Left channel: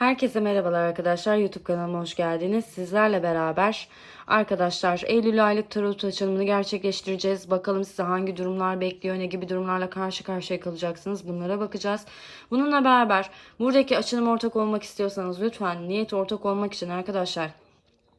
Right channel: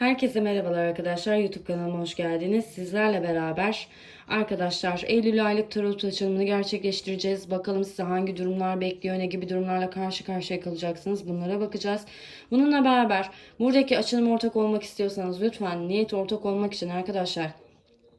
Herkese merhabalar arkadaşlar. YouTube kanalıma hoş geldiniz. Sizlerle beraber arkadaşlar Eylül aylık tarot açılımını gerçekleştireceğiz. Bakalım size hangi durumlar bekliyor, ne gibi durumlarla karşı karşıya kalacaksınız. Bunlara bakacağız. Bununla beraber buradaki açılıma ortak olmak istiyorsanız lütfen niyet ortak olmak için arkadaşlar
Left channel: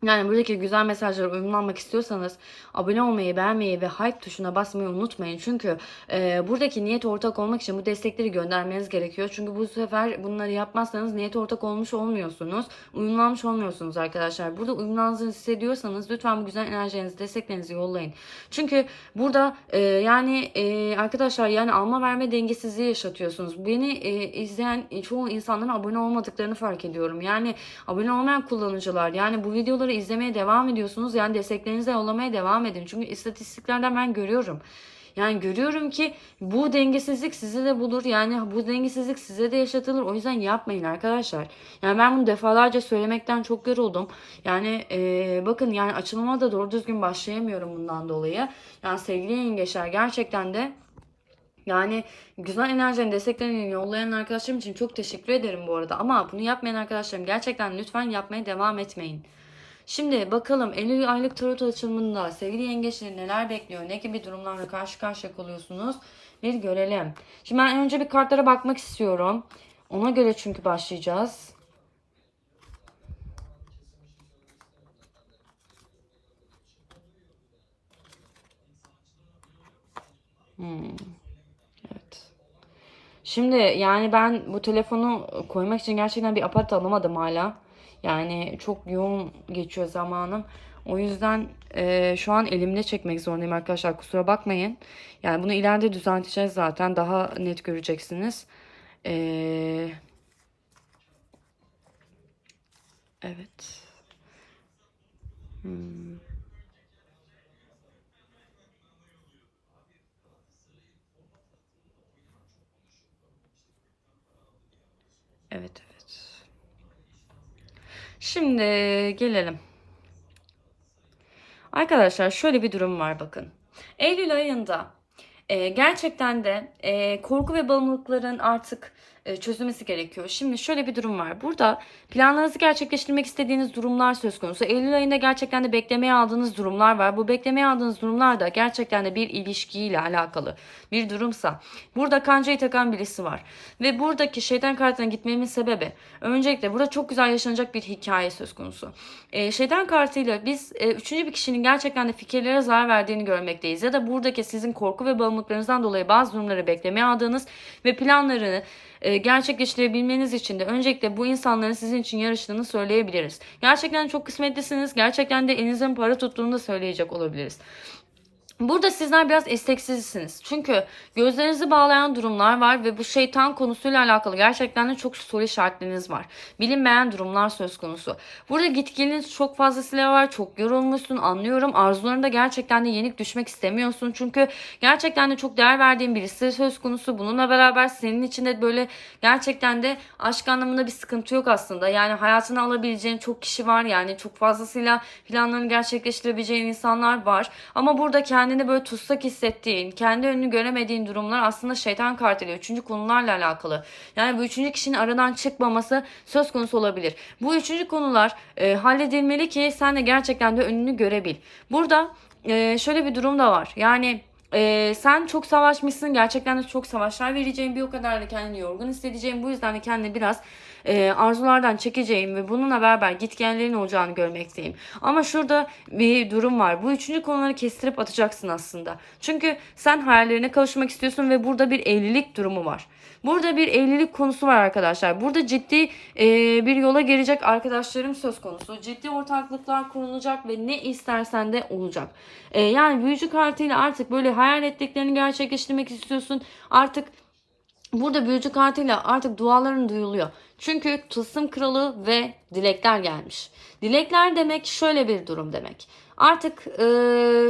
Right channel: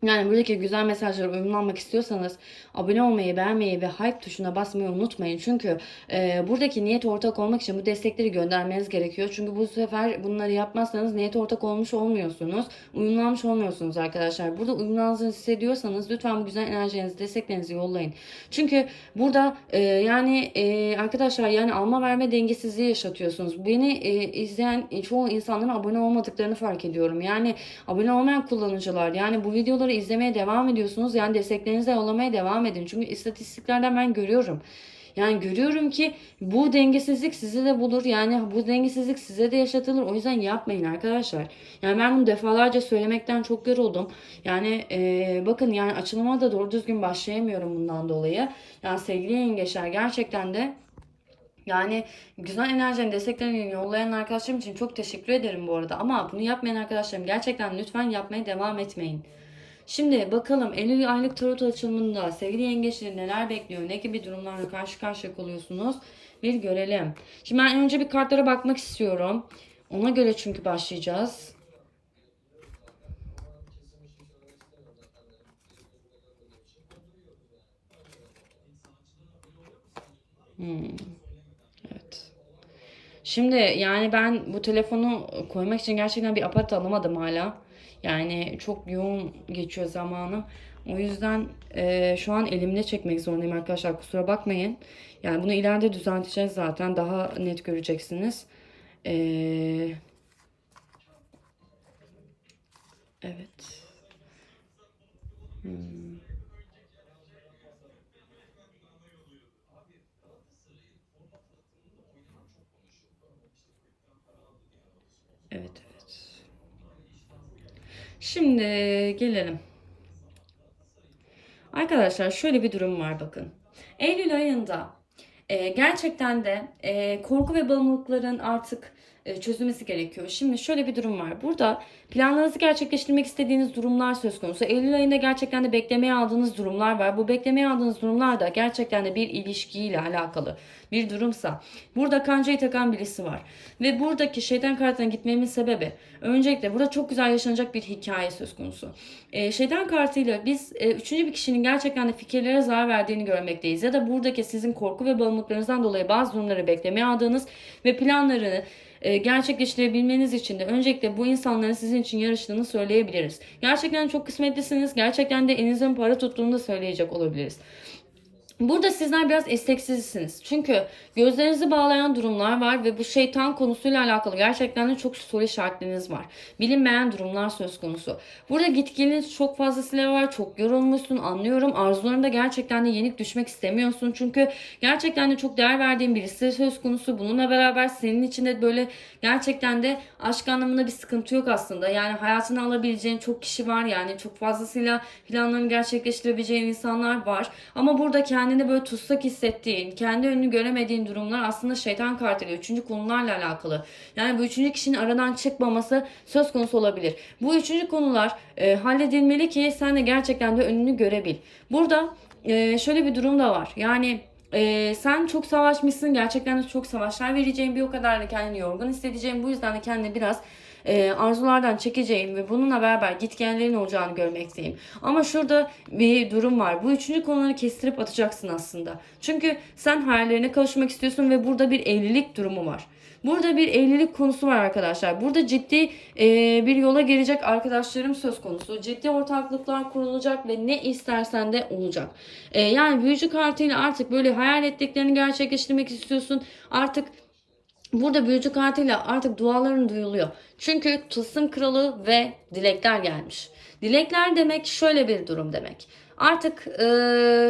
yani buradaki güzel mesajlara uyumlanmak istiyorsanız abone olmayı, beğenmeyi ve hype tuşuna basmayı unutmayın. Çünkü e, buradaki niyet ortak olmak için bu destekleri göndermeniz gerekiyor. Çünkü bu sefer bunları yapmazsanız niyet ortak olmuş olmuyorsunuz. Uyumlanmış olmuyorsunuz arkadaşlar. Burada uyumlandığınızı hissediyorsanız lütfen bu güzel enerjilerinizi, desteklerinizi yollayın. Çünkü burada e, yani e, arkadaşlar yani alma verme dengesizliği yaşatıyorsunuz. Beni e, izleyen çoğu insanların abone olmadıklarını fark ediyorum. Yani abone olmayan kullanıcılar yani bu videoları izlemeye devam ediyorsunuz. Yani desteklerinizi de yollamaya devam edin. Çünkü istatistiklerden ben görüyorum. Yani görüyorum ki bu dengesizlik sizi de bulur. Yani bu dengesizlik size de yaşatılır. O yüzden yapmayın arkadaşlar. Yani ben bunu defalarca söylemekten çok yoruldum. Yani e, bakın yani açılıma da doğru düzgün başlayamıyorum bundan dolayı. Yani sevgili yengeçler gerçekten de yani güzel enerjilerin desteklerini yollayan arkadaşlarım için çok teşekkür ederim bu arada. Ama bunu yapmayan arkadaşlarım gerçekten lütfen yapmaya devam etmeyin. Şimdi bakalım Eylül aylık tarot açılımında sevgili yengeçleri neler bekliyor? Ne gibi durumlarla karşı karşıya kalıyorsunuz? Bir görelim. Şimdi ben önce bir kartlara bakmak istiyorum. Ona göre çünkü başlayacağız. Hmm. Evet. Şimdi yani ben bu telefonu koymak için gerçekten bir aparat alamadım hala. Yani çok yoğun geçiyor zamanım. O yüzden e, şu an elimde çekmek zorundayım arkadaşlar. Kusura bakmayın. Yani bunu ileride düzelteceğiz zaten. Daha net göreceksiniz. E, evet. Hmm. Evet. Şimdi gelelim. Arkadaşlar şöyle bir durum var bakın. Eylül ayında e, gerçekten de e, korku ve bağımlılıkların artık çözülmesi gerekiyor. Şimdi şöyle bir durum var. Burada planlarınızı gerçekleştirmek istediğiniz durumlar söz konusu. Eylül ayında gerçekten de beklemeye aldığınız durumlar var. Bu beklemeye aldığınız durumlar da gerçekten de bir ilişkiyle alakalı bir durumsa. Burada kancayı takan birisi var. Ve buradaki şeytan kartına gitmemin sebebi öncelikle burada çok güzel yaşanacak bir hikaye söz konusu. E, şeytan kartıyla biz e, üçüncü bir kişinin gerçekten de fikirlere zarar verdiğini görmekteyiz. Ya da buradaki sizin korku ve bağımlılıklarınızdan dolayı bazı durumları beklemeye aldığınız ve planlarını e, gerçekleştirebilmeniz için de öncelikle bu insanların sizin için yarıştığını söyleyebiliriz. Gerçekten çok kısmetlisiniz. Gerçekten de elinizden para tuttuğunu da söyleyecek olabiliriz. Burada sizler biraz isteksizsiniz. Çünkü gözlerinizi bağlayan durumlar var ve bu şeytan konusuyla alakalı gerçekten de çok soru işaretleriniz var. Bilinmeyen durumlar söz konusu. Burada gitginiz çok fazlasıyla var. Çok yorulmuşsun anlıyorum. Arzularında gerçekten de yenik düşmek istemiyorsun. Çünkü gerçekten de çok değer verdiğin birisi söz konusu. Bununla beraber senin için de böyle gerçekten de aşk anlamında bir sıkıntı yok aslında. Yani hayatına alabileceğin çok kişi var. Yani çok fazlasıyla planlarını gerçekleştirebileceğin insanlar var. Ama burada kendi kendini böyle tutsak hissettiğin, kendi önünü göremediğin durumlar aslında şeytan kartıyla, üçüncü konularla alakalı. Yani bu üçüncü kişinin aradan çıkmaması söz konusu olabilir. Bu üçüncü konular e, halledilmeli ki sen de gerçekten de önünü görebil. Burada e, şöyle bir durum da var. Yani ee, sen çok savaşmışsın. Gerçekten de çok savaşlar vereceğim. Bir o kadar da kendini yorgun hissedeceğim. Bu yüzden de kendini biraz e, arzulardan çekeceğim ve bununla beraber gitgellerin olacağını görmekteyim. Ama şurada bir durum var. Bu üçüncü konuları kestirip atacaksın aslında. Çünkü sen hayallerine kavuşmak istiyorsun ve burada bir evlilik durumu var. Burada bir evlilik konusu var arkadaşlar. Burada ciddi e, bir yola gelecek arkadaşlarım söz konusu. Ciddi ortaklıklar kurulacak ve ne istersen de olacak. E, yani büyücü kartıyla artık böyle hayal ettiklerini gerçekleştirmek istiyorsun. Artık burada büyücü kartıyla artık duaların duyuluyor. Çünkü tılsım kralı ve dilekler gelmiş. Dilekler demek şöyle bir durum demek. Artık e,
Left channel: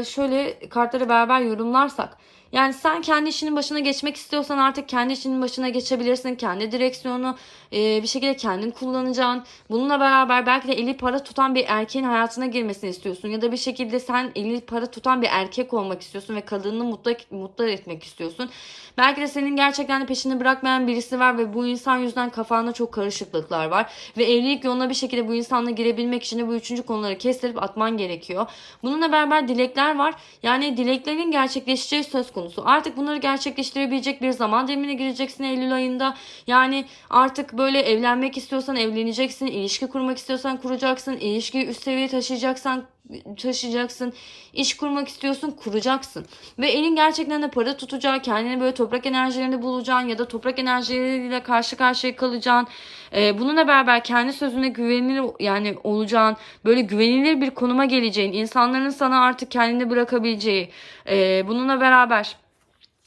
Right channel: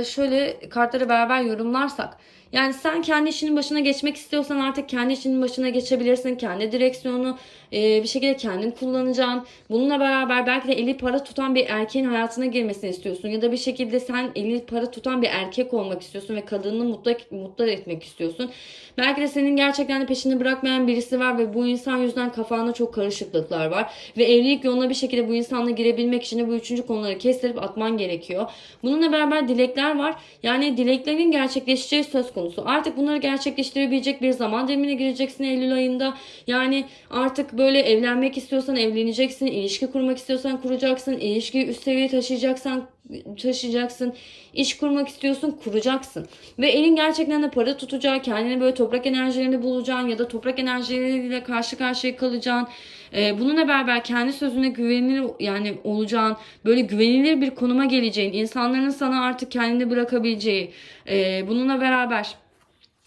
şöyle kartları beraber yorumlarsak Yani sen kendi işinin başına geçmek istiyorsan artık kendi işinin başına geçebilirsin. Kendi direksiyonu e, bir şekilde kendin kullanacaksın. Bununla beraber belki de eli para tutan bir erkeğin hayatına girmesini istiyorsun. Ya da bir şekilde sen eli para tutan bir erkek olmak istiyorsun ve kadını mutlu, mutlu etmek istiyorsun. Belki de senin gerçekten de peşini bırakmayan birisi var ve bu insan yüzünden kafanda çok karışıklıklar var. Ve evlilik yoluna bir şekilde bu insanla girebilmek için de bu üçüncü konuları kestirip atman gerekiyor. Bununla beraber dilekler var. Yani dileklerin gerçekleşeceği söz konusu. Artık bunları gerçekleştirebilecek bir zaman dilimine gireceksin Eylül ayında. Yani artık böyle evlenmek istiyorsan evleneceksin. ilişki kurmak istiyorsan kuracaksın. ilişkiyi üst seviyeye taşıyacaksan taşıyacaksın. İş kurmak istiyorsun, kuracaksın. Ve elin gerçekten de para tutacağı, kendini böyle toprak enerjilerinde bulacaksın ya da toprak enerjileriyle karşı karşıya kalacaksın. Ee, bununla beraber kendi sözüne güvenilir yani olacağın, böyle güvenilir bir konuma geleceğin, insanların sana artık kendini bırakabileceği. Ee, bununla beraber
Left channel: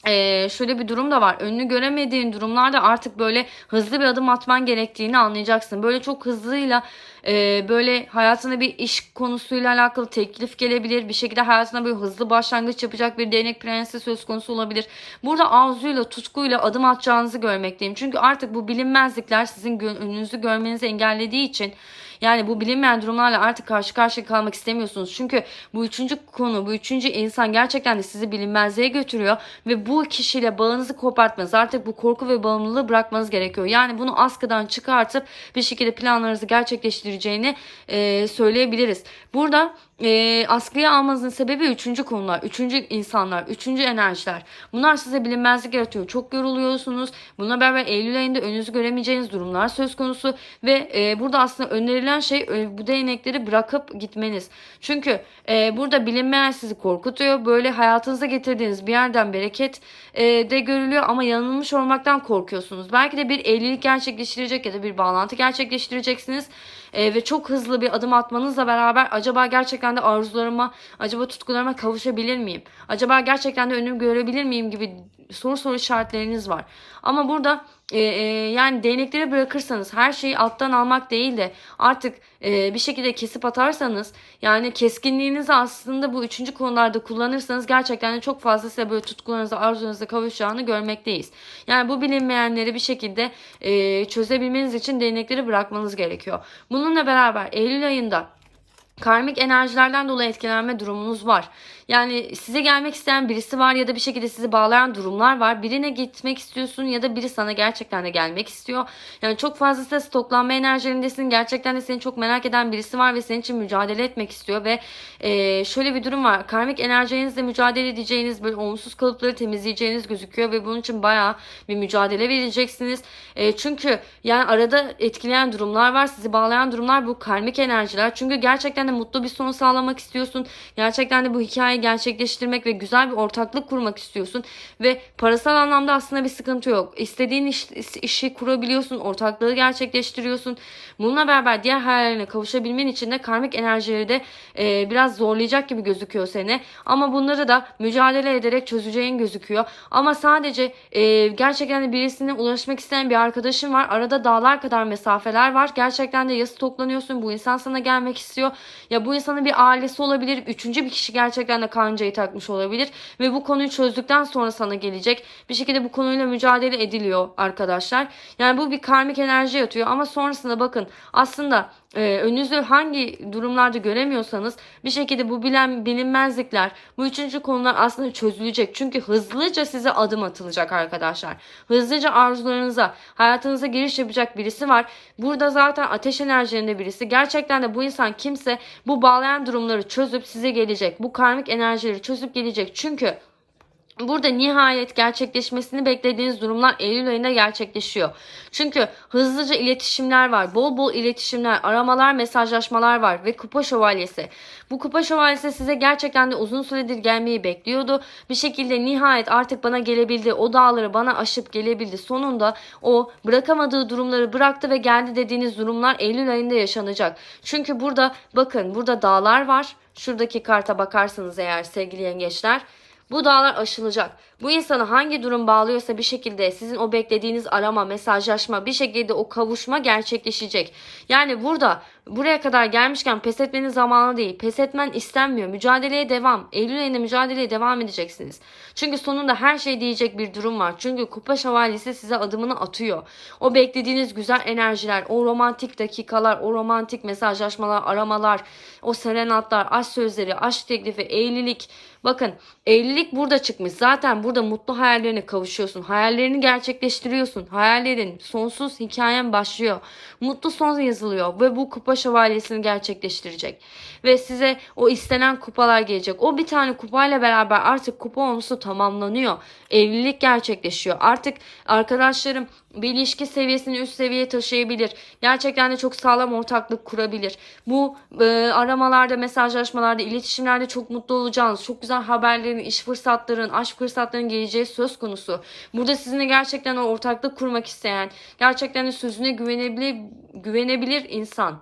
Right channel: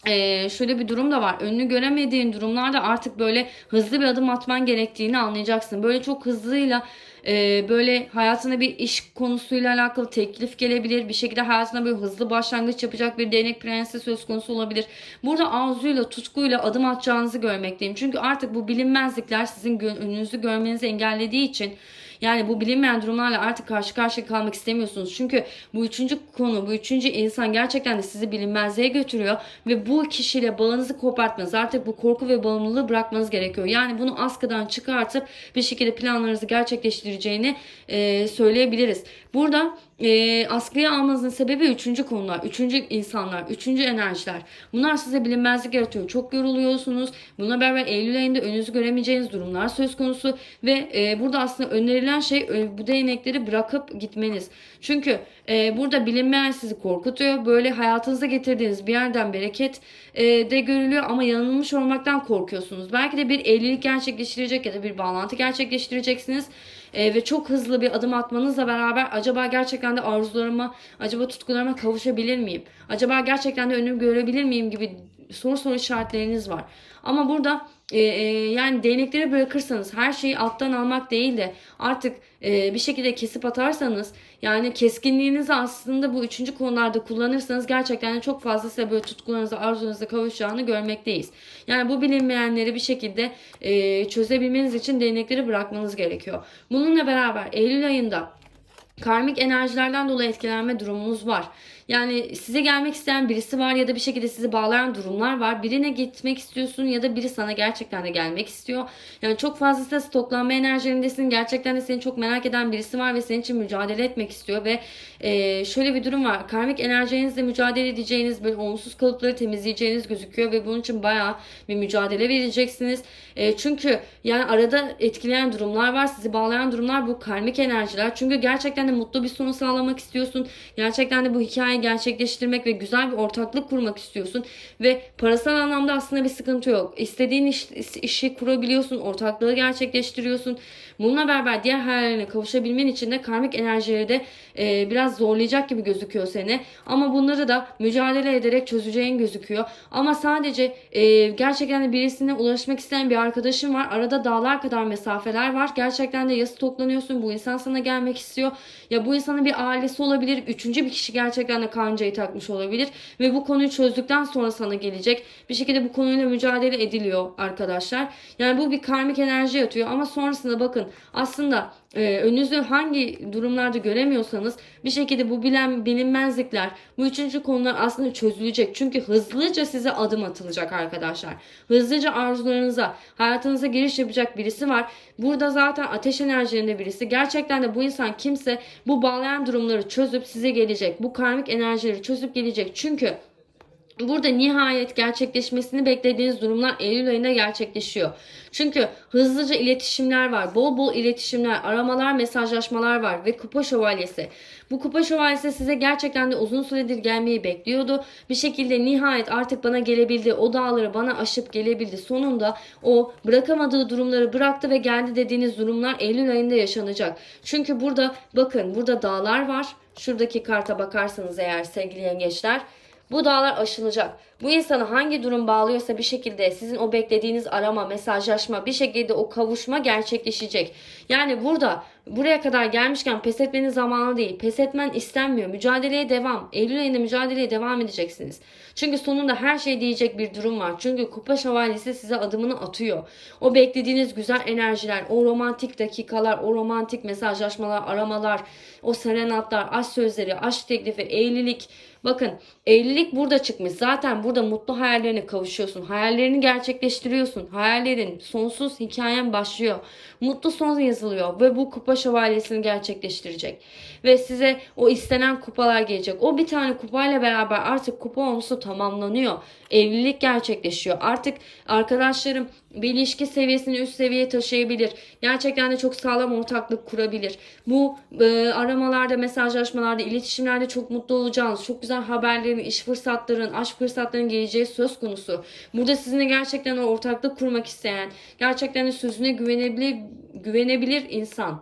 ee, şöyle bir durum da var. Önünü göremediğin durumlarda artık böyle hızlı bir adım atman gerektiğini anlayacaksın. Böyle çok hızlıyla e, böyle hayatına bir iş konusuyla alakalı teklif gelebilir. Bir şekilde hayatına böyle hızlı başlangıç yapacak bir değnek prensi söz konusu olabilir. Burada arzuyla, tutkuyla adım atacağınızı görmekteyim. Çünkü artık bu bilinmezlikler sizin önünüzü görmenizi engellediği için yani bu bilinmeyen durumlarla artık karşı karşıya kalmak istemiyorsunuz. Çünkü bu üçüncü konu, bu üçüncü insan gerçekten de sizi bilinmezliğe götürüyor ve bu kişiyle bağınızı kopartmanız, artık bu korku ve bağımlılığı bırakmanız gerekiyor. Yani bunu askıdan çıkartıp bir şekilde planlarınızı gerçekleştireceğini e, söyleyebiliriz. Burada e, askıya almanızın sebebi üçüncü konular, üçüncü insanlar, üçüncü enerjiler. Bunlar size bilinmezlik yaratıyor. Çok yoruluyorsunuz. Bununla beraber Eylül ayında önünüzü göremeyeceğiniz durumlar söz konusu ve e, burada aslında önerilen şey e, bu değnekleri bırakıp gitmeniz. Çünkü e, burada bilinmeyen sizi korkutuyor. Böyle hayatınıza getirdiğiniz bir yerden bereket e, de görülüyor ama yanılmış olmaktan korkuyorsunuz. Belki de bir evlilik gerçekleştirecek ya da bir bağlantı gerçekleştireceksiniz. E, ve çok hızlı bir adım atmanızla beraber acaba gerçekten de arzularıma, acaba tutkularıma kavuşabilir miyim? Acaba gerçekten de önümü görebilir miyim gibi soru soru işaretleriniz var. Ama burada e, e, yani değnekleri bırakırsanız her şeyi alttan almak değil de artık e, bir şekilde kesip atarsanız yani keskinliğinizi aslında bu üçüncü konularda kullanırsanız gerçekten de çok fazla size böyle tutkularınıza arzularınıza kavuşacağını görmekteyiz. Yani bu bilinmeyenleri bir şekilde e, çözebilmeniz için değnekleri bırakmanız gerekiyor. Bununla beraber Eylül ayında karmik enerjilerden dolayı etkilenme durumunuz var. Yani size gelmek isteyen birisi var ya da bir şekilde sizi bağlayan durumlar var. Birine gitmek istiyorsun ya da biri sana gerçekten de gelmek istiyor. Yani çok fazla stoklanma enerjilerindesin. Gerçekten de seni çok merak eden birisi var ve senin için mücadele etmek istiyor ve e, şöyle bir durum var. Karmik enerjinizle mücadele edeceğiniz böyle olumsuz kalıpları temizleyeceğiniz gözüküyor ve bunun için bayağı bir mücadele vereceksiniz. E, çünkü yani arada etkileyen durumlar var. Sizi bağlayan durumlar bu karmik enerjiler. Çünkü gerçekten de mutlu bir son sağlamak istiyorsun. Gerçekten de bu hikayeyi gerçekleştirmek ve güzel bir ortaklık kurmak istiyorsun. Ve parasal anlamda aslında bir sıkıntı yok. İstediğin iş, işi kurabiliyorsun. Ortaklığı gerçekleştiriyorsun. Bununla beraber diğer hayallerine kavuşabilmen için de karmik enerjileri de e, biraz zorlayacak gibi gözüküyor seni. Ama bunları da mücadele ederek çözeceğin gözüküyor. Ama sadece e, gerçekten de birisine ulaşmak isteyen bir arkadaşın var. Arada dağlar kadar mesafeler var. Gerçekten de ya stoklanıyorsun. Bu insan sana gelmek istiyor. Ya bu insanın bir ailesi olabilir. Üçüncü bir kişi gerçekten de kancayı takmış olabilir. Ve bu konuyu çözdükten sonra sana gelecek. Bir şekilde bu konuyla mücadele ediliyor arkadaşlar. Yani bu bir karmik enerji yatıyor. Ama sonrasında bakın aslında e, önünüzü hangi durumlarda göremiyorsanız bir şekilde bu bilen bilinmezlikler bu üçüncü konular aslında çözülecek. Çünkü hızlıca size adım atılacak arkadaşlar. Hızlıca arzularınıza hayatınıza giriş yapacak birisi var. Burada zaten ateş enerjilerinde birisi. Gerçekten de bu insan kimse bu bağlayan durumları çözüp size gelecek. Bu karmik enerjileri çözüp gelecek. Çünkü Burada nihayet gerçekleşmesini beklediğiniz durumlar Eylül ayında gerçekleşiyor. Çünkü hızlıca iletişimler var. Bol bol iletişimler, aramalar, mesajlaşmalar var ve kupa şövalyesi. Bu kupa şövalyesi size gerçekten de uzun süredir gelmeyi bekliyordu. Bir şekilde nihayet artık bana gelebildi. O dağları bana aşıp gelebildi. Sonunda o bırakamadığı durumları bıraktı ve geldi dediğiniz durumlar Eylül ayında yaşanacak. Çünkü burada bakın burada dağlar var. Şuradaki karta bakarsanız eğer sevgili yengeçler bu dağlar aşılacak. Bu insanı hangi durum bağlıyorsa bir şekilde sizin o beklediğiniz arama, mesajlaşma, bir şekilde o kavuşma gerçekleşecek. Yani burada buraya kadar gelmişken pes etmenin zamanı değil. Pes etmen istenmiyor. Mücadeleye devam. Eylül ayında mücadeleye devam edeceksiniz. Çünkü sonunda her şey diyecek bir durum var. Çünkü kupa şövalyesi size adımını atıyor. O beklediğiniz güzel enerjiler, o romantik dakikalar, o romantik mesajlaşmalar, aramalar, o serenatlar, aşk sözleri, aşk teklifi, evlilik. Bakın evlilik burada çıkmış. Zaten burada mutlu hayallerine kavuşuyorsun. Hayallerini gerçekleştiriyorsun. Hayallerin sonsuz hikayen başlıyor. Mutlu son yazılıyor ve bu kupa şövalyesini gerçekleştirecek. Ve size o istenen kupalar gelecek. O bir tane kupayla beraber artık kupa onusu tamamlanıyor. Evlilik gerçekleşiyor. Artık arkadaşlarım bir ilişki seviyesini üst seviyeye taşıyabilir. Gerçekten de çok sağlam ortaklık kurabilir. Bu e, aramalarda, mesajlaşmalarda, iletişimlerde çok mutlu olacağınız, çok güzel haberlerin, iş fırsatların, aşk fırsatlarının geleceği söz konusu. Burada sizinle gerçekten o ortaklık kurmak isteyen, gerçekten de sözüne güvenebilir, güvenebilir insan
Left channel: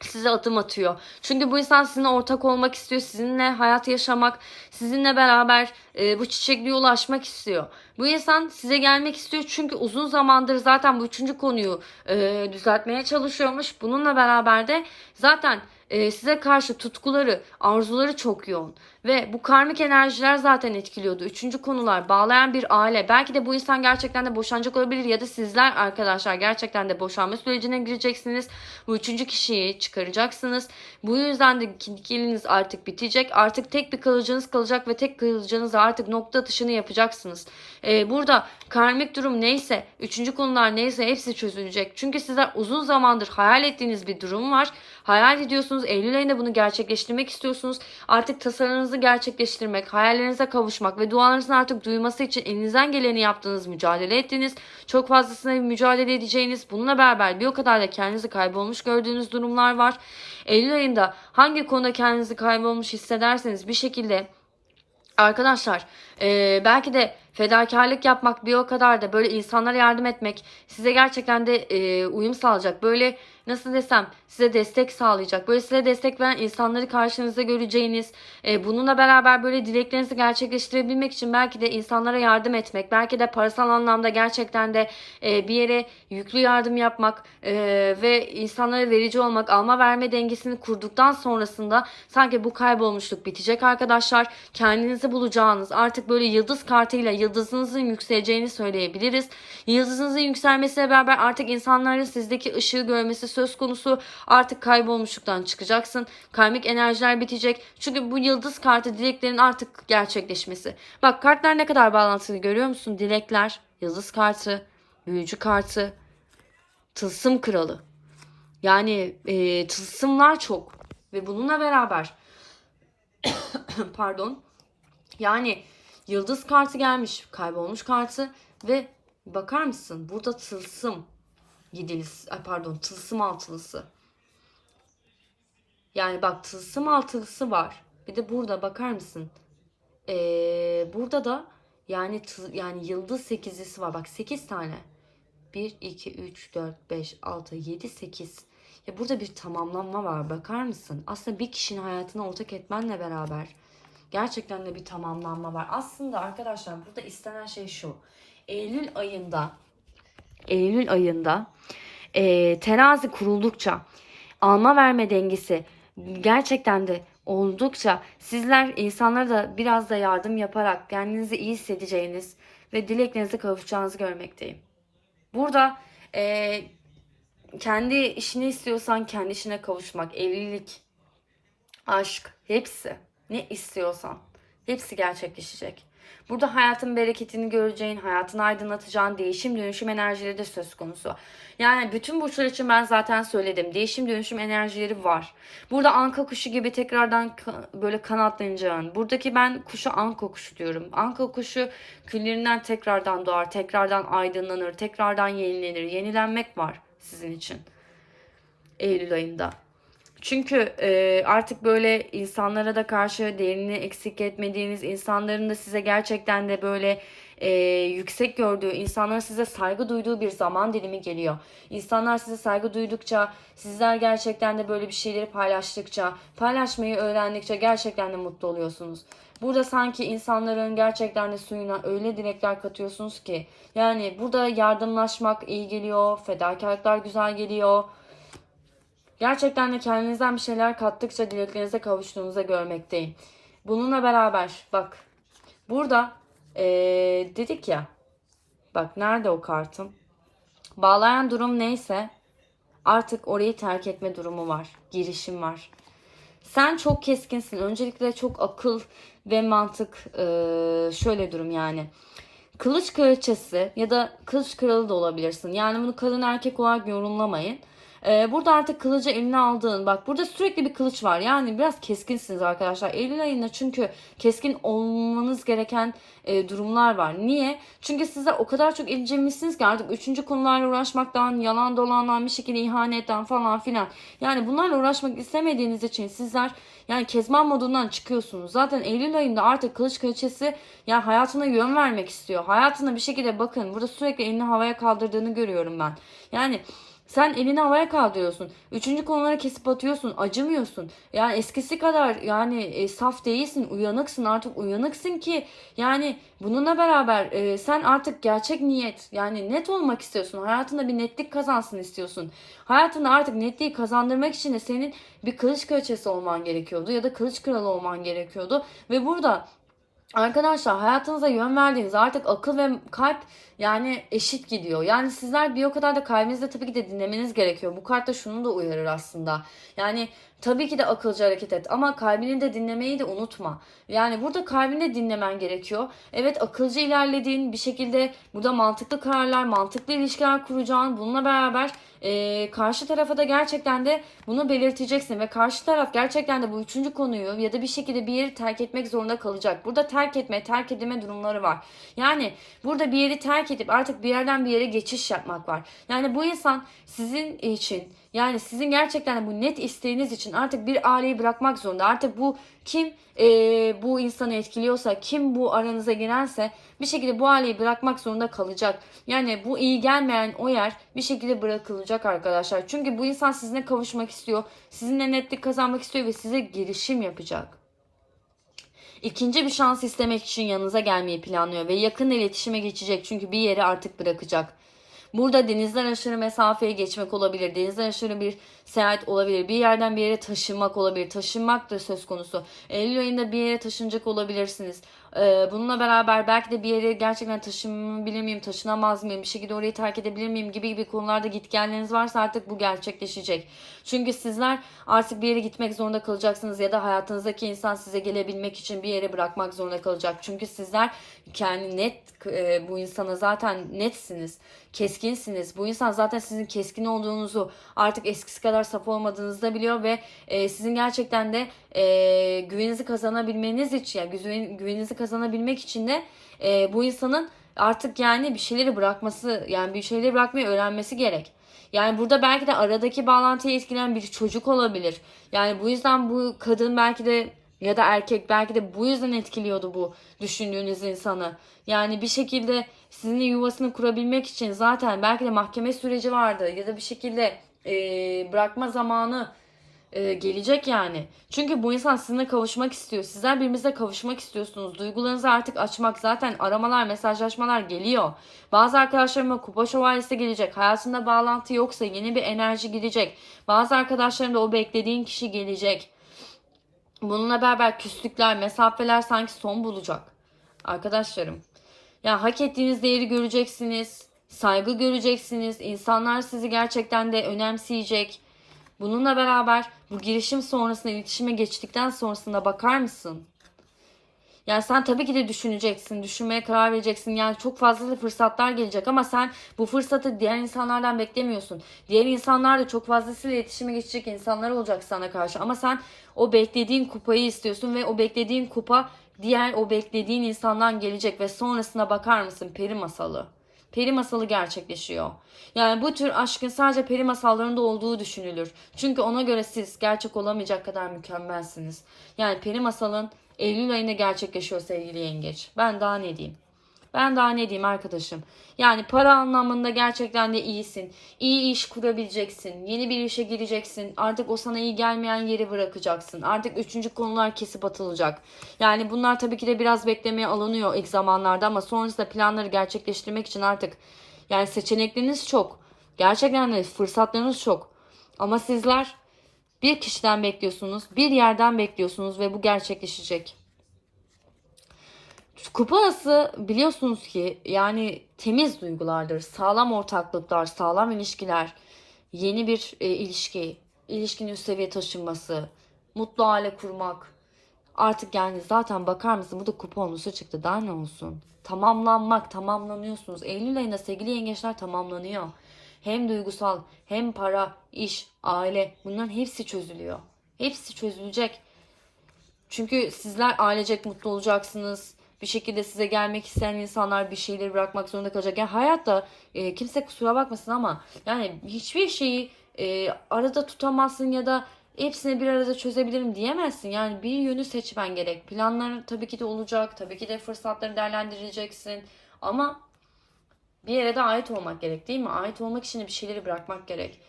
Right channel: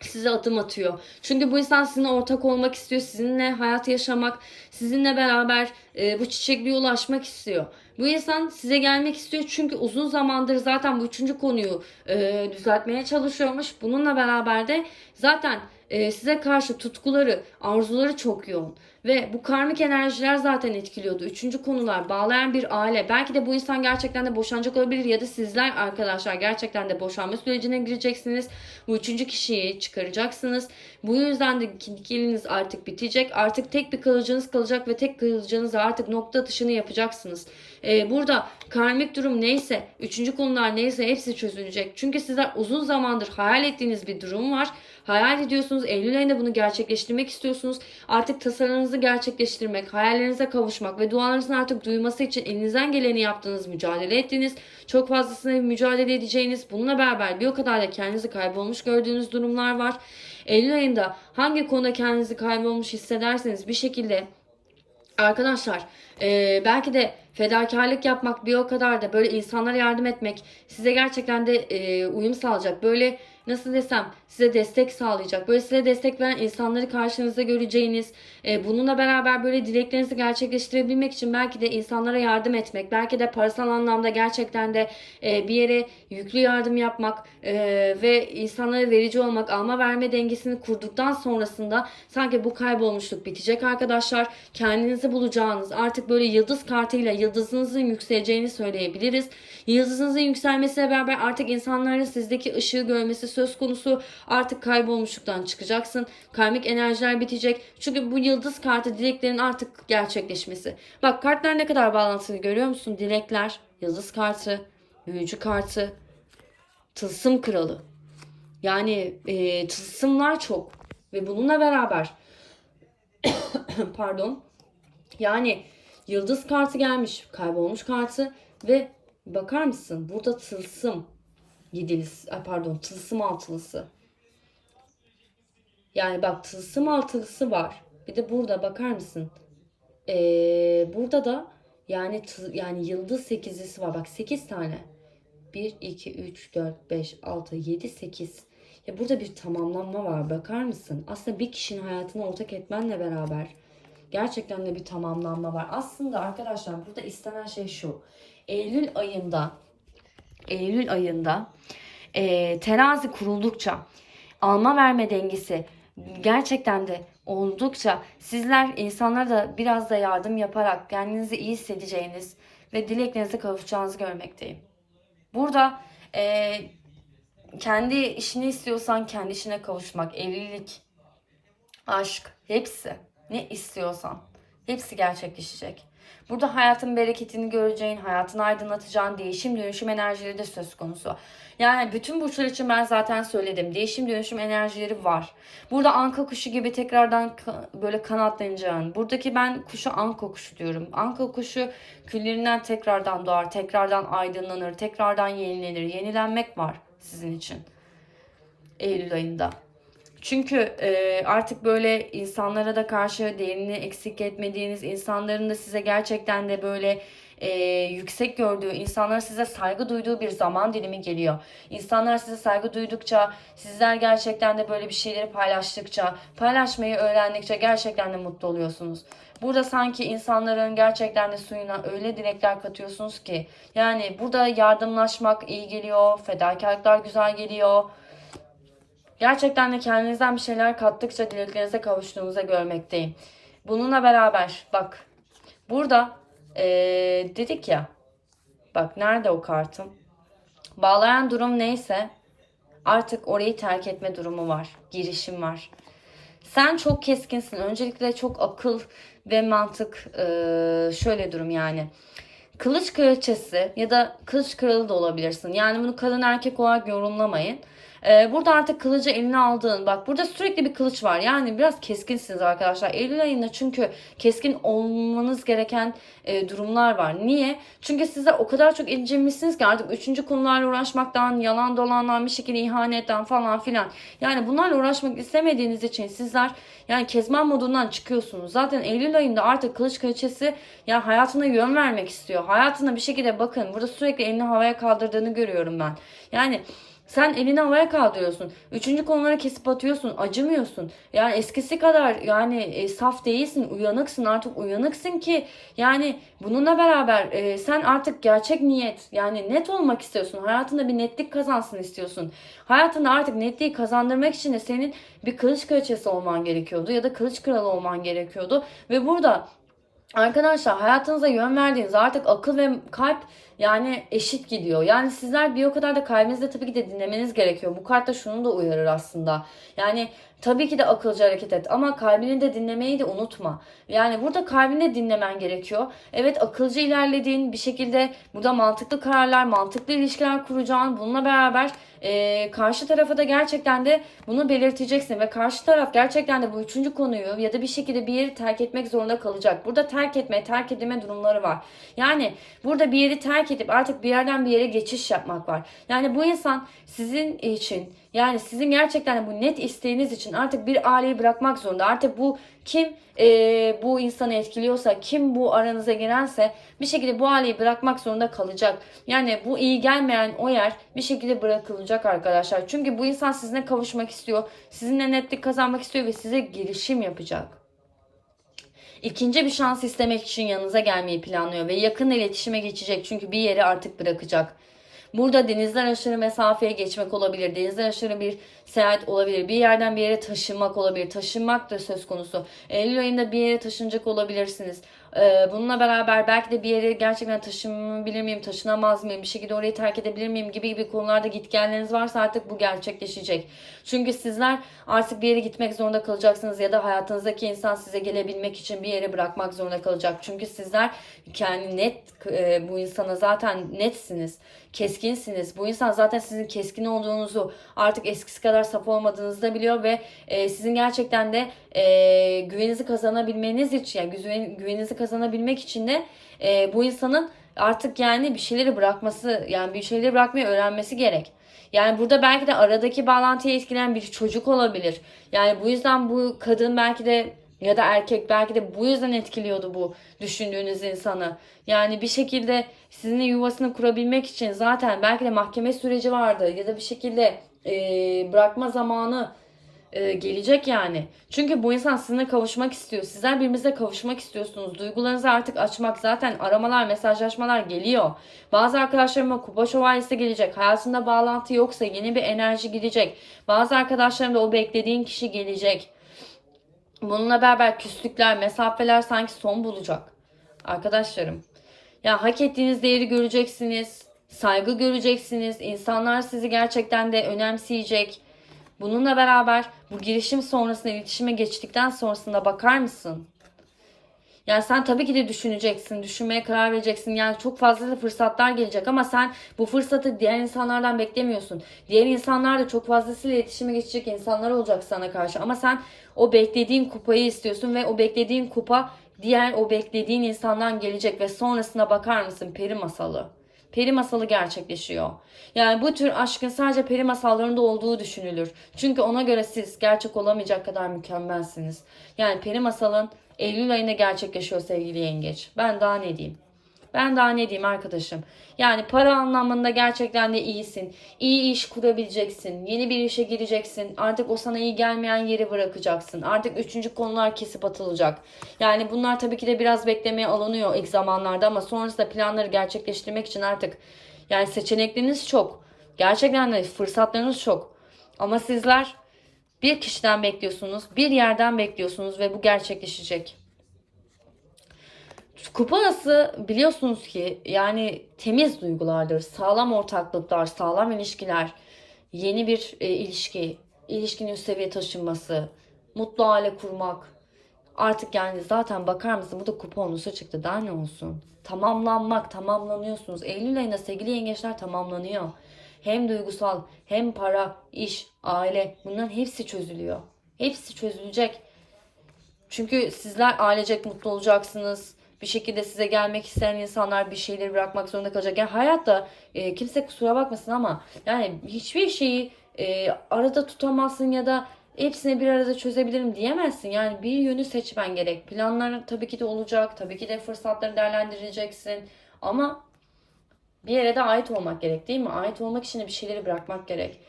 size adım atıyor. Çünkü bu insan sizinle ortak olmak istiyor. Sizinle hayat yaşamak, sizinle beraber e, bu çiçekliğe ulaşmak istiyor. Bu insan size gelmek istiyor çünkü uzun zamandır zaten bu üçüncü konuyu e, düzeltmeye çalışıyormuş. Bununla beraber de zaten e, size karşı tutkuları, arzuları çok yoğun. Ve bu karmik enerjiler zaten etkiliyordu. Üçüncü konular, bağlayan bir aile. Belki de bu insan gerçekten de boşanacak olabilir ya da sizler arkadaşlar gerçekten de boşanma sürecine gireceksiniz. Bu üçüncü kişiyi çıkaracaksınız. Bu yüzden de ikiliniz artık bitecek. Artık tek bir kalıcınız kalacak ve tek kalıcınız artık nokta atışını yapacaksınız. Ee, burada karmik durum neyse, üçüncü konular neyse hepsi çözülecek. Çünkü sizler uzun zamandır hayal ettiğiniz bir durum var. Hayal ediyorsunuz. Eylül ayında bunu gerçekleştirmek istiyorsunuz. Artık tasarınızı gerçekleştirmek, hayallerinize kavuşmak ve dualarınızın artık duyması için elinizden geleni yaptığınız, mücadele ettiğiniz, çok fazlasına mücadele edeceğiniz, bununla beraber bir o kadar da kendinizi kaybolmuş gördüğünüz durumlar var. Eylül ayında hangi konuda kendinizi kaybolmuş hissederseniz bir şekilde Arkadaşlar e, belki de fedakarlık yapmak bir o kadar da böyle insanlara yardım etmek size gerçekten de e, uyum sağlayacak. Böyle nasıl desem size destek sağlayacak. Böyle size destek veren insanları karşınızda göreceğiniz e, bununla beraber böyle dileklerinizi gerçekleştirebilmek için belki de insanlara yardım etmek. Belki de parasal anlamda gerçekten de e, bir yere yüklü yardım yapmak e, ve insanlara verici olmak alma verme dengesini kurduktan sonrasında sanki bu kaybolmuşluk bitecek arkadaşlar. Kendinizi bulacağınız artık böyle yıldız kartıyla yıldızınızın yükseleceğini söyleyebiliriz. Yıldızınızın yükselmesiyle beraber artık insanların sizdeki ışığı görmesi söz konusu. Artık kaybolmuşluktan çıkacaksın. Karmik enerjiler bitecek. Çünkü bu yıldız kartı dileklerin artık gerçekleşmesi. Bak kartlar ne kadar bağlantılı görüyor musun? Dilekler, yıldız kartı, büyücü kartı, tılsım kralı. Yani e, tılsımlar çok. Ve bununla beraber pardon yani yıldız kartı gelmiş, kaybolmuş kartı ve bakar mısın? Burada tılsım yedilisi, pardon tılsım altılısı. Yani bak tılsım altılısı var. Bir de burada bakar mısın? Ee, burada da yani tı- yani yıldız sekizlisi var. Bak 8 tane. 1, 2, 3, 4, 5, 6, 7, 8. Ya burada bir tamamlanma var. Bakar mısın? Aslında bir kişinin hayatına ortak etmenle beraber gerçekten de bir tamamlanma var. Aslında arkadaşlar burada istenen şey şu. Eylül ayında Eylül ayında e, terazi kuruldukça alma verme dengesi gerçekten de oldukça sizler insanlara da biraz da yardım yaparak kendinizi iyi hissedeceğiniz ve dileklerinize kavuşacağınızı görmekteyim. Burada e, kendi işini istiyorsan kendi işine kavuşmak, evlilik, aşk hepsi ne istiyorsan hepsi gerçekleşecek. Burada hayatın bereketini göreceğin, hayatını aydınlatacağın değişim dönüşüm enerjileri de söz konusu. Yani bütün burçlar için ben zaten söyledim. Değişim dönüşüm enerjileri var. Burada anka kuşu gibi tekrardan böyle kanatlanacağın. Buradaki ben kuşu anka kuşu diyorum. Anka kuşu küllerinden tekrardan doğar, tekrardan aydınlanır, tekrardan yenilenir. Yenilenmek var sizin için. Eylül ayında. Çünkü e, artık böyle insanlara da karşı değerini eksik etmediğiniz, insanların da size gerçekten de böyle e, yüksek gördüğü, insanlar size saygı duyduğu bir zaman dilimi geliyor. İnsanlar size saygı duydukça, sizler gerçekten de böyle bir şeyleri paylaştıkça, paylaşmayı öğrendikçe gerçekten de mutlu oluyorsunuz. Burada sanki insanların gerçekten de suyuna öyle dilekler katıyorsunuz ki. Yani burada yardımlaşmak iyi geliyor. Fedakarlıklar güzel geliyor. Gerçekten de kendinizden bir şeyler kattıkça dileklerinize kavuştuğunuza görmekteyim. Bununla beraber bak burada eee, dedik ya bak nerede o kartım? Bağlayan durum neyse artık orayı terk etme durumu var. Girişim var. Sen çok keskinsin. Öncelikle çok akıl ve mantık eee, şöyle durum yani. Kılıç kraliçesi ya da kılıç kralı da olabilirsin. Yani bunu kadın erkek olarak yorumlamayın. Ee, burada artık kılıcı eline aldığın bak burada sürekli bir kılıç var. Yani biraz keskinsiniz arkadaşlar. Eylül ayında çünkü keskin olmanız gereken e, durumlar var. Niye? Çünkü size o kadar çok incemişsiniz ki artık üçüncü konularla uğraşmaktan yalan dolandan bir şekilde ihanetten falan filan. Yani bunlarla uğraşmak istemediğiniz için sizler yani kezban modundan çıkıyorsunuz. Zaten Eylül ayında artık kılıç kraliçesi yani hayatına yön vermek istiyor. Hayatına bir şekilde bakın burada sürekli elini havaya kaldırdığını görüyorum ben. Yani sen elini havaya kaldırıyorsun. Üçüncü konuları kesip atıyorsun. Acımıyorsun. Yani eskisi kadar yani e, saf değilsin. Uyanıksın. Artık uyanıksın ki yani bununla beraber e, sen artık gerçek niyet yani net olmak istiyorsun. Hayatında bir netlik kazansın istiyorsun. Hayatında artık netliği kazandırmak için de senin bir kılıç kraliçesi olman gerekiyordu ya da kılıç kralı olman gerekiyordu. Ve burada Arkadaşlar hayatınıza yön verdiğiniz artık akıl ve kalp yani eşit gidiyor. Yani sizler bir o kadar da kalbinizde tabii ki de dinlemeniz gerekiyor. Bu kart da şunu da uyarır aslında. Yani tabii ki de akılcı hareket et ama kalbini de dinlemeyi de unutma. Yani burada kalbini dinlemen gerekiyor. Evet akılcı ilerlediğin bir şekilde burada mantıklı kararlar, mantıklı ilişkiler kuracağın bununla beraber e, karşı tarafa da gerçekten de bunu belirteceksin ve karşı taraf gerçekten de bu üçüncü konuyu ya da bir şekilde bir yeri terk etmek zorunda kalacak. Burada terk etme, terk edilme durumları var. Yani burada bir yeri terk edip artık bir yerden bir yere geçiş yapmak var. Yani bu insan sizin için yani sizin gerçekten bu net isteğiniz için artık bir aileyi bırakmak zorunda. Artık bu kim e, bu insanı etkiliyorsa, kim bu aranıza girense bir şekilde bu aileyi bırakmak zorunda kalacak. Yani bu iyi gelmeyen o yer bir şekilde bırakılacak arkadaşlar. Çünkü bu insan sizinle kavuşmak istiyor. Sizinle netlik kazanmak istiyor ve size girişim yapacak. İkinci bir şans istemek için yanınıza gelmeyi planlıyor ve yakın iletişime geçecek çünkü bir yeri artık bırakacak. Burada denizden aşırı mesafeye geçmek olabilir. Denizden aşırı bir seyahat olabilir. Bir yerden bir yere taşınmak olabilir. Taşınmak da söz konusu. Eylül ayında bir yere taşınacak olabilirsiniz. Ee, bununla beraber belki de bir yere gerçekten taşınabilir miyim, taşınamaz mıyım, bir şekilde orayı terk edebilir miyim gibi gibi konularda gitgelleriniz varsa artık bu gerçekleşecek. Çünkü sizler artık bir yere gitmek zorunda kalacaksınız ya da hayatınızdaki insan size gelebilmek için bir yere bırakmak zorunda kalacak. Çünkü sizler kendi net e, bu insana zaten netsiniz, keskinsiniz. Bu insan zaten sizin keskin olduğunuzu artık eskisi kadar saf olmadığınızı da biliyor ve e, sizin gerçekten de e, güveninizi kazanabilmeniz için yani güven, güveninizi kazanabilmek için de e, bu insanın artık yani bir şeyleri bırakması yani bir şeyleri bırakmayı öğrenmesi gerek. Yani burada belki de aradaki bağlantıyı etkileyen bir çocuk olabilir. Yani bu yüzden bu kadın belki de ya da erkek belki de bu yüzden etkiliyordu bu düşündüğünüz insanı. Yani bir şekilde sizinle yuvasını kurabilmek için zaten belki de mahkeme süreci vardı ya da bir şekilde e, bırakma zamanı e, gelecek yani. Çünkü bu insan sizinle kavuşmak istiyor. Sizler birbirinize kavuşmak istiyorsunuz. Duygularınızı artık açmak zaten aramalar, mesajlaşmalar geliyor. Bazı arkadaşlarıma kupa şövalyesi gelecek. Hayatında bağlantı yoksa yeni bir enerji gelecek. Bazı arkadaşlarım da o beklediğin kişi gelecek. Bununla beraber küslükler, mesafeler sanki son bulacak. Arkadaşlarım. Ya hak ettiğiniz değeri göreceksiniz. Saygı göreceksiniz. İnsanlar sizi gerçekten de önemseyecek. Bununla beraber bu girişim sonrasında iletişime geçtikten sonrasında bakar mısın? Yani sen tabii ki de düşüneceksin, düşünmeye karar vereceksin. Yani çok fazla da fırsatlar gelecek ama sen bu fırsatı diğer insanlardan beklemiyorsun. Diğer insanlar da çok fazlasıyla iletişime geçecek insanlar olacak sana karşı. Ama sen o beklediğin kupayı istiyorsun ve o beklediğin kupa diğer o beklediğin insandan gelecek ve sonrasına bakar mısın peri masalı. Peri masalı gerçekleşiyor. Yani bu tür aşkın sadece peri masallarında olduğu düşünülür. Çünkü ona göre siz gerçek olamayacak kadar mükemmelsiniz. Yani peri masalın Eylül ayında gerçekleşiyor sevgili yengeç. Ben daha ne diyeyim? Ben daha ne diyeyim arkadaşım. Yani para anlamında gerçekten de iyisin. İyi iş kurabileceksin. Yeni bir işe gireceksin. Artık o sana iyi gelmeyen yeri bırakacaksın. Artık üçüncü konular kesip atılacak. Yani bunlar tabii ki de biraz beklemeye alınıyor ilk zamanlarda ama sonrasında planları gerçekleştirmek için artık yani seçenekleriniz çok. Gerçekten de fırsatlarınız çok. Ama sizler bir kişiden bekliyorsunuz, bir yerden bekliyorsunuz ve bu gerçekleşecek. Kupası biliyorsunuz ki yani temiz duygulardır, sağlam ortaklıklar, sağlam ilişkiler, yeni bir e, ilişki, ilişkinin üst seviye taşınması, mutlu aile kurmak. Artık yani zaten bakar mısın bu da kuponlusu çıktı daha ne olsun. Tamamlanmak, tamamlanıyorsunuz. Eylül ayında sevgili yengeçler tamamlanıyor. Hem duygusal hem para, iş, aile bunların hepsi çözülüyor. Hepsi çözülecek. Çünkü sizler ailecek mutlu olacaksınız. Bir şekilde size gelmek isteyen insanlar bir şeyleri bırakmak zorunda kalacak. Yani hayatta e, kimse kusura bakmasın ama yani hiçbir şeyi e, arada tutamazsın ya da hepsini bir arada çözebilirim diyemezsin. Yani bir yönü seçmen gerek. Planların tabii ki de olacak. Tabii ki de fırsatları değerlendireceksin. Ama bir yere de ait olmak gerek değil mi? Ait olmak için de bir şeyleri bırakmak gerek.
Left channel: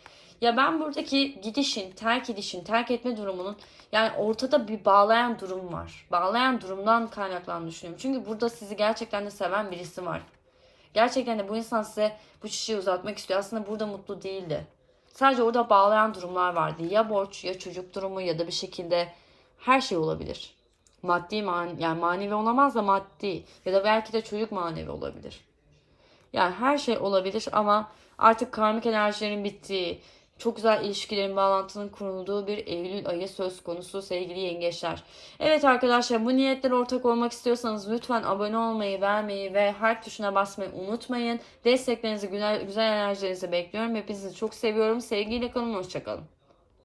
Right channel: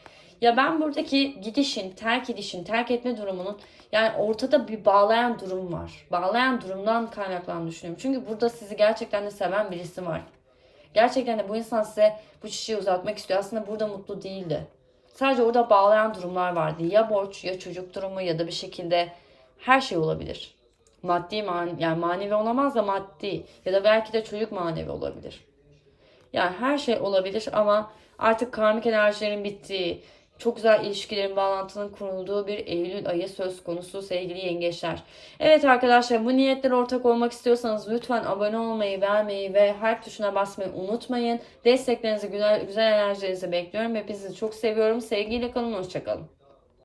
Ya ben buradaki gidişin, terk edişin, terk etme durumunun yani ortada bir bağlayan durum var. Bağlayan durumdan kaynaklandığını düşünüyorum. Çünkü burada sizi gerçekten de seven birisi var. Gerçekten de bu insan size bu çiçeği uzatmak istiyor. Aslında burada mutlu değildi. Sadece orada bağlayan durumlar vardı. Ya borç ya çocuk durumu ya da bir şekilde her şey olabilir. Maddi man yani manevi olamaz da maddi ya da belki de çocuk manevi olabilir. Yani her şey olabilir ama artık karmik enerjilerin bittiği, çok güzel ilişkilerin bağlantının kurulduğu bir Eylül ayı söz konusu sevgili yengeçler. Evet arkadaşlar bu niyetlere ortak olmak istiyorsanız lütfen abone olmayı, beğenmeyi ve harp tuşuna basmayı unutmayın. Desteklerinizi, güzel, güzel enerjilerinizi bekliyorum. Hepinizi çok seviyorum. Sevgiyle kalın, hoşçakalın.